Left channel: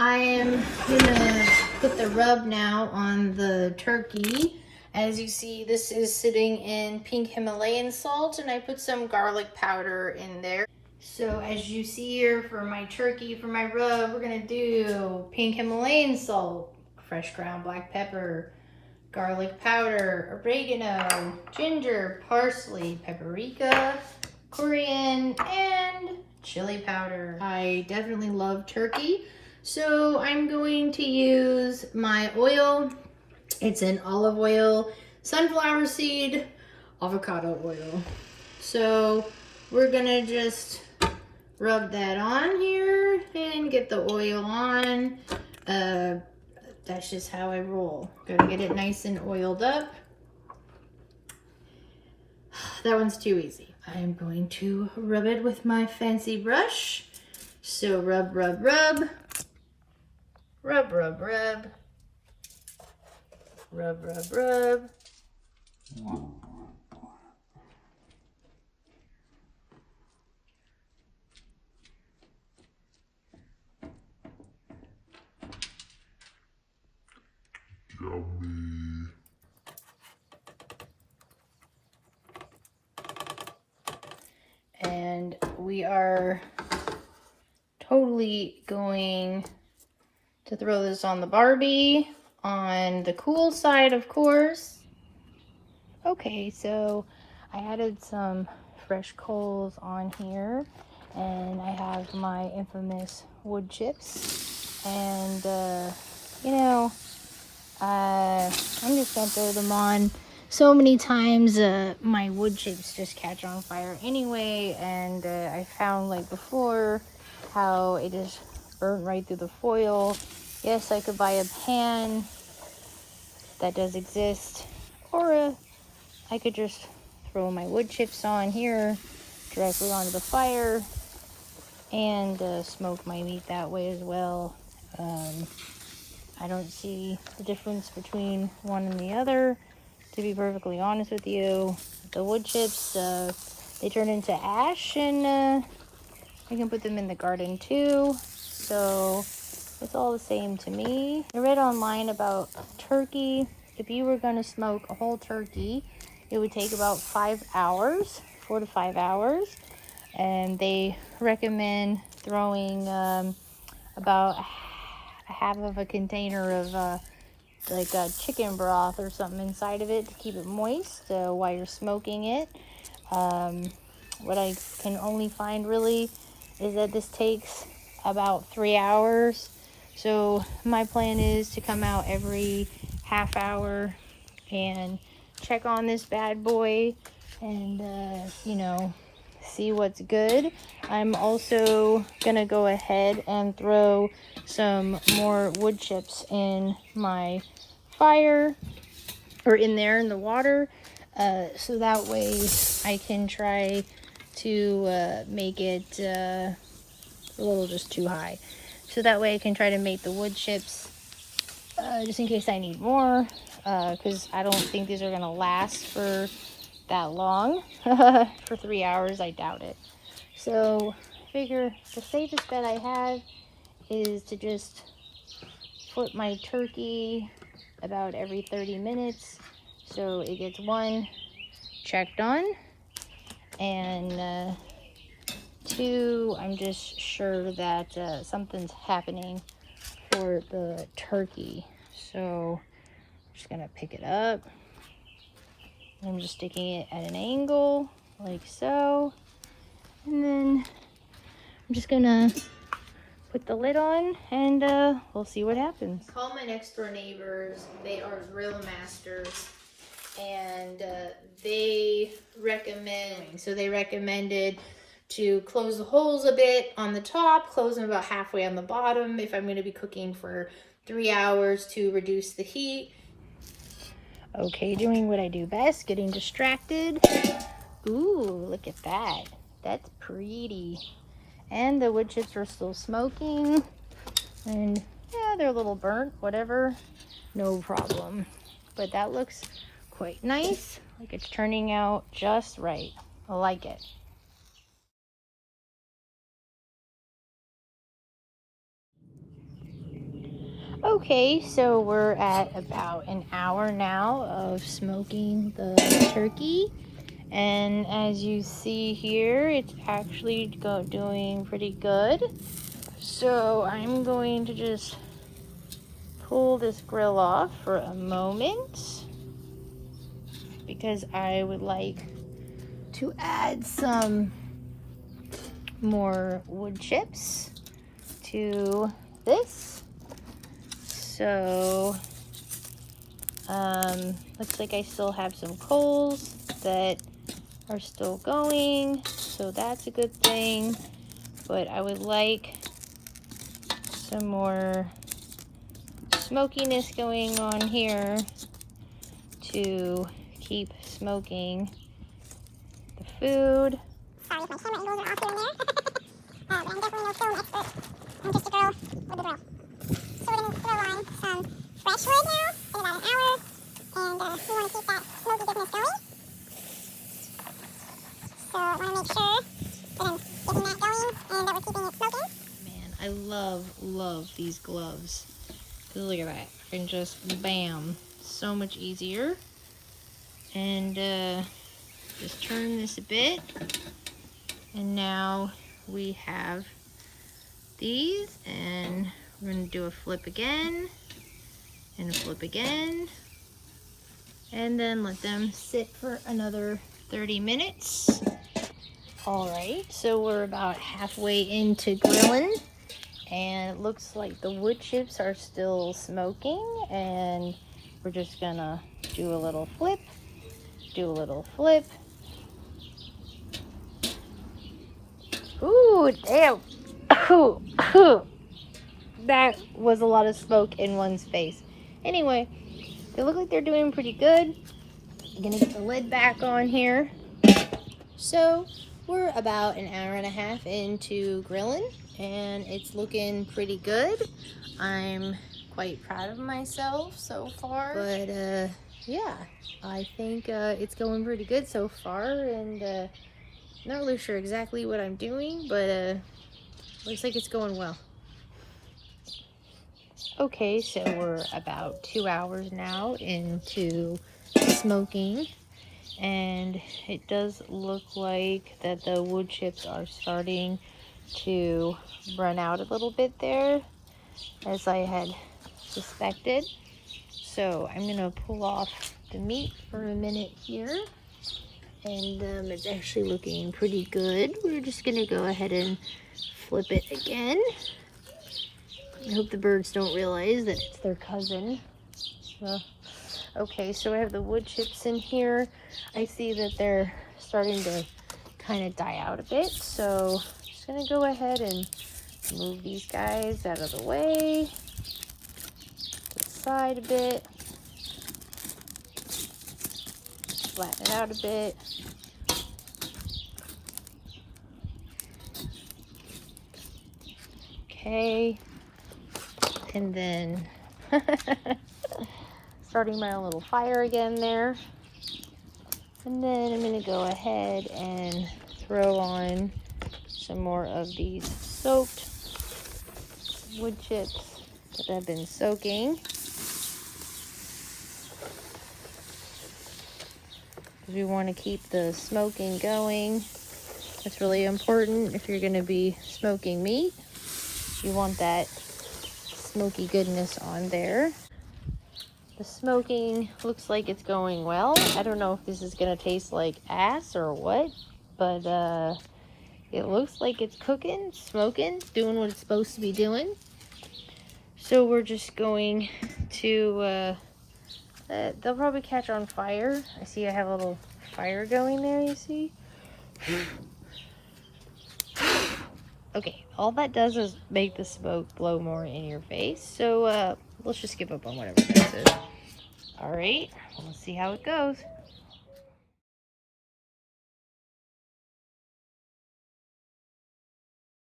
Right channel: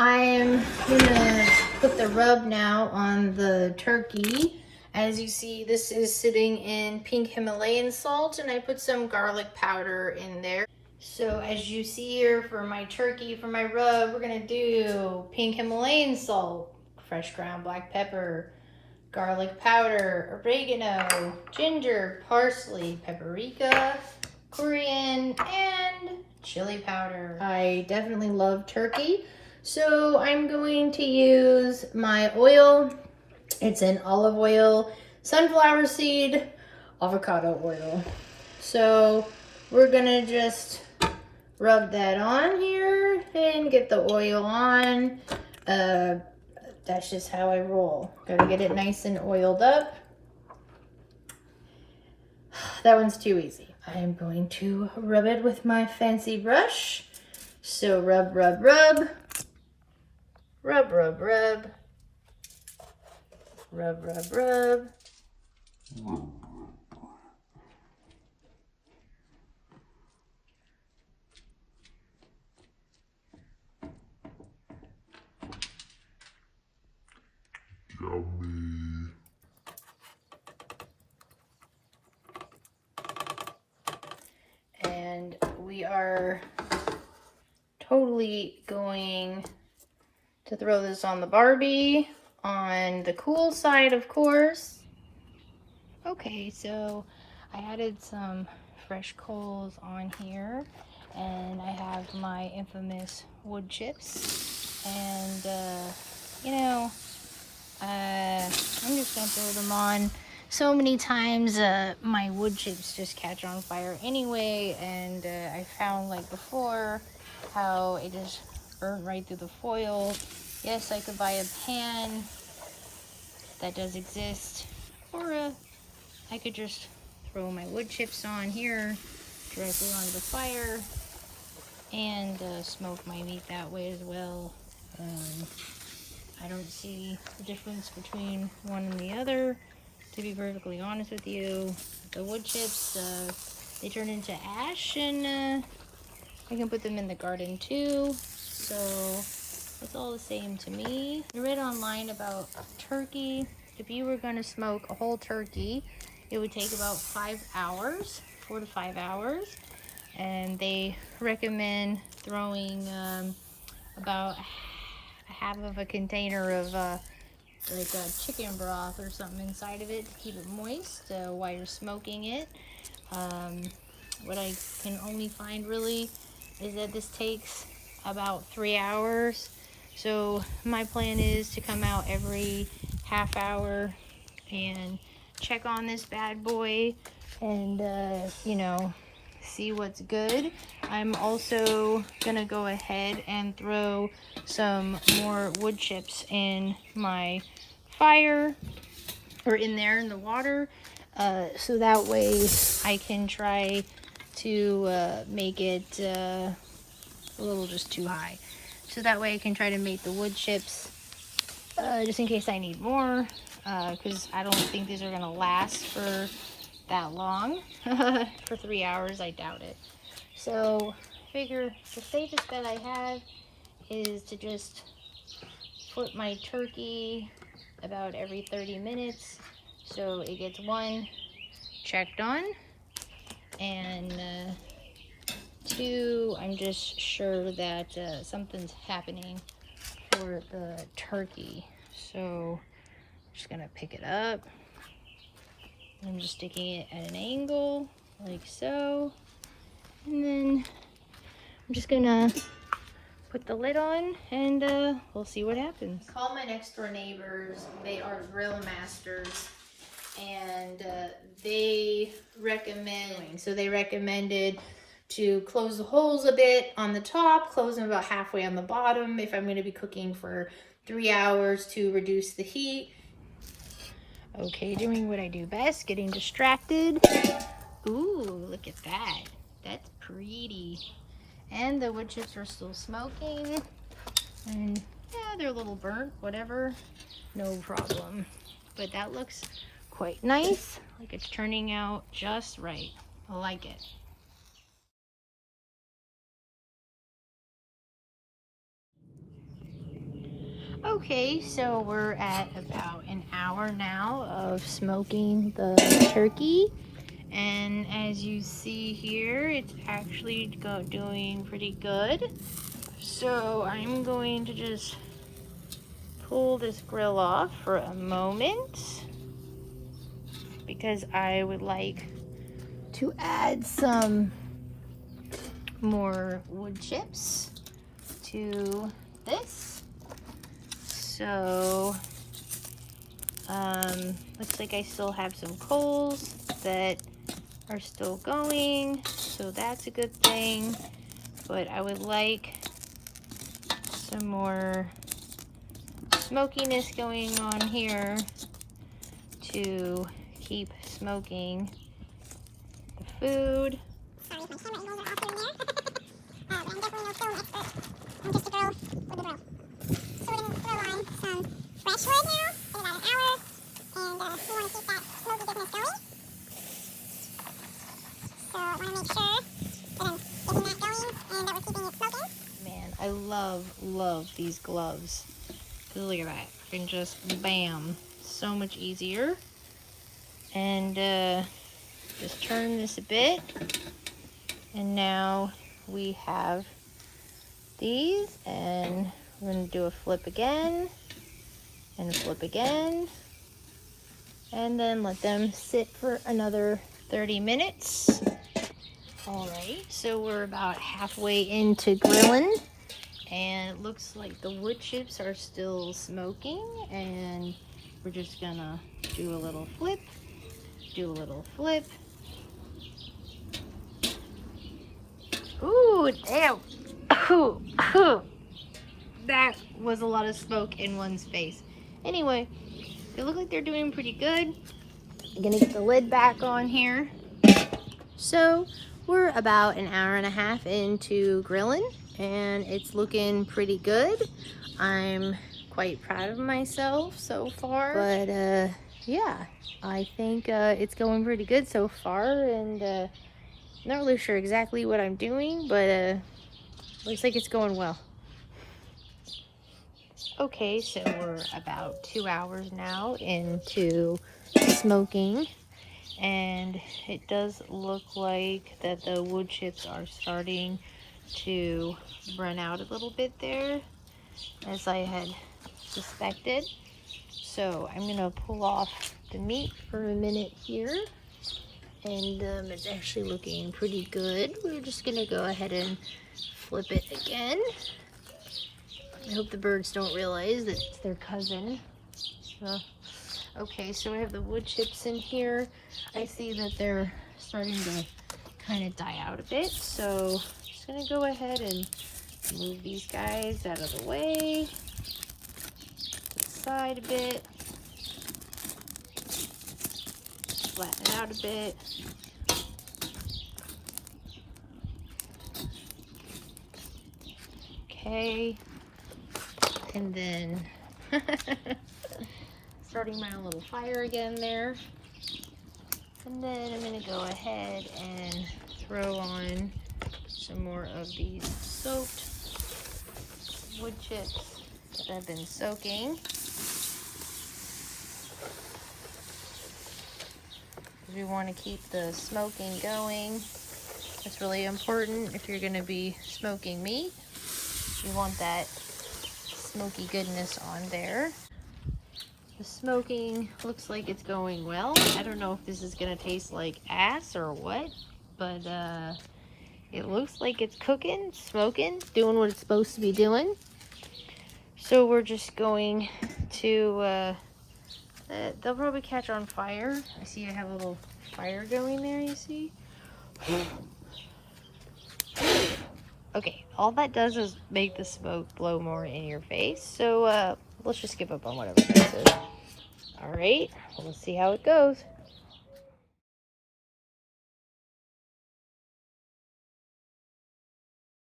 I'm gonna put the rub now on the turkey. As you see, this is sitting in pink Himalayan salt, and I put some garlic powder in there. So as you see here for my turkey, for my rub, we're gonna do pink Himalayan salt, fresh ground black pepper, garlic powder, oregano, ginger, parsley, paprika, coriander, and chili powder. I definitely love turkey, so I'm going to use my oil. It's an olive oil, sunflower seed, avocado oil. So we're gonna just rub that on here and get the oil on. That's just how I roll. Gotta get it nice and oiled up. That one's too easy. I'm going to rub it with my fancy brush. So rub, rub, rub. Rub, rub, rub. Rub, rub, rub. Yummy. And we are totally going to throw this on the Barbie on the cool side, of course. Okay, so I added some fresh coals on here, and I have my infamous wood chips, and you know, I'm just gonna throw them on. So many times my wood chips just catch on fire anyway, and I found, like before, how it just burnt right through the foil. Yes, I could buy a pan, that does exist, or I could just throw my wood chips on here directly onto the fire and smoke my meat that way as well. I don't see the difference between one and the other, to be perfectly honest with you. The wood chips, they turn into ash, and I can put them in the garden too, so it's all the same to me. I read online about turkey. If you were going to smoke a whole turkey, it would take about 5 hours, 4 to 5 hours, and they recommend throwing about a half of a container of like a chicken broth or something inside of it to keep it moist while you're smoking it. What I can only find really is that this takes about 3 hours. So my plan is to come out every half hour and check on this bad boy and you know, see what's good. I'm also gonna go ahead and throw some more wood chips in my fire, or in there in the water, so that way I can try to make it a little just too high. So that way I can try to make the wood chips, just in case I need more, because I don't think these are gonna last for that long. For 3 hours, I doubt it. So I figure the safest bet I have is to just put my turkey about every 30 minutes, so it gets one, checked on, and two, I'm just sure that something's happening for the turkey. So I'm just gonna pick it up. I'm just sticking it at an angle like so, and then I'm just gonna put the lid on, and we'll see what happens. Call my next door neighbors. They are grill masters, and they recommended to close the holes a bit on the top, close them about halfway on the bottom if I'm going to be cooking for 3 hours, to reduce the heat. Okay, doing what I do best, getting distracted. Ooh, look at that. That's pretty. And the wood chips are still smoking, and yeah, they're a little burnt, whatever, no problem. But that looks quite nice. Like it's turning out just right. I like it. Okay, so we're at about an hour now of smoking the turkey. And as you see here, it's actually doing pretty good. So I'm going to just pull this grill off for a moment because I would like to add some more wood chips to this. So looks like I still have some coals that are still going, so that's a good thing. But I would like some more smokiness going on here to keep smoking the food. Sorry if my camera angles are off here and there. But I'm definitely no film expert. I'm just a girl with a grill. So we're going to throw on some fresh wood now in about an hour. And we want to keep that smoky goodness going. So I want to make sure that I'm getting that going and that we're keeping it smoking. Man, I love these gloves. Look at that. And just bam. So much easier. And just turn this a bit. And now we have these. And we're going to do a flip again. And a flip again. And then let them sit for another 30 minutes. Alright, so we're about halfway into grilling. And it looks like the wood chips are still smoking. And we're just gonna do a little flip. Do a little flip. Ooh, damn. Ooh, ooh. That was a lot of smoke in one's face. Anyway, they look like they're doing pretty good. I'm gonna get the lid back on here. So we're about an hour and a half into grilling and it's looking pretty good. I'm quite proud of myself so far. But yeah, I think it's going pretty good so far, and not really sure exactly what I'm doing, but looks like it's going well. Okay, so we're about 2 hours now into smoking, and it does look like that the wood chips are starting to run out a little bit there, as I had suspected. So I'm gonna pull off the meat for a minute here, and it's actually looking pretty good. We're just gonna go ahead and flip it again. I hope the birds don't realize that it's their cousin. Okay, so I have the wood chips in here. I see that they're starting to kind of die out a bit, so I'm just gonna go ahead and move these guys out of the way, to the side a bit, flatten it out a bit. Okay, and then starting my own little fire again there. And then I'm going to go ahead and throw on some more of these soaked wood chips that I've been soaking. We want to keep the smoking going. It's really important if you're going to be smoking meat. You want that smoky goodness on there. The smoking looks like it's going well. I don't know if this is going to taste like ass or what, but it looks like it's cooking, smoking, doing what it's supposed to be doing. So we're just going to, they'll probably catch on fire. I see I have a little fire going there, you see? Okay, all that does is make the smoke blow more in your face. So let's just give up on whatever this is. All right, we'll see how it goes.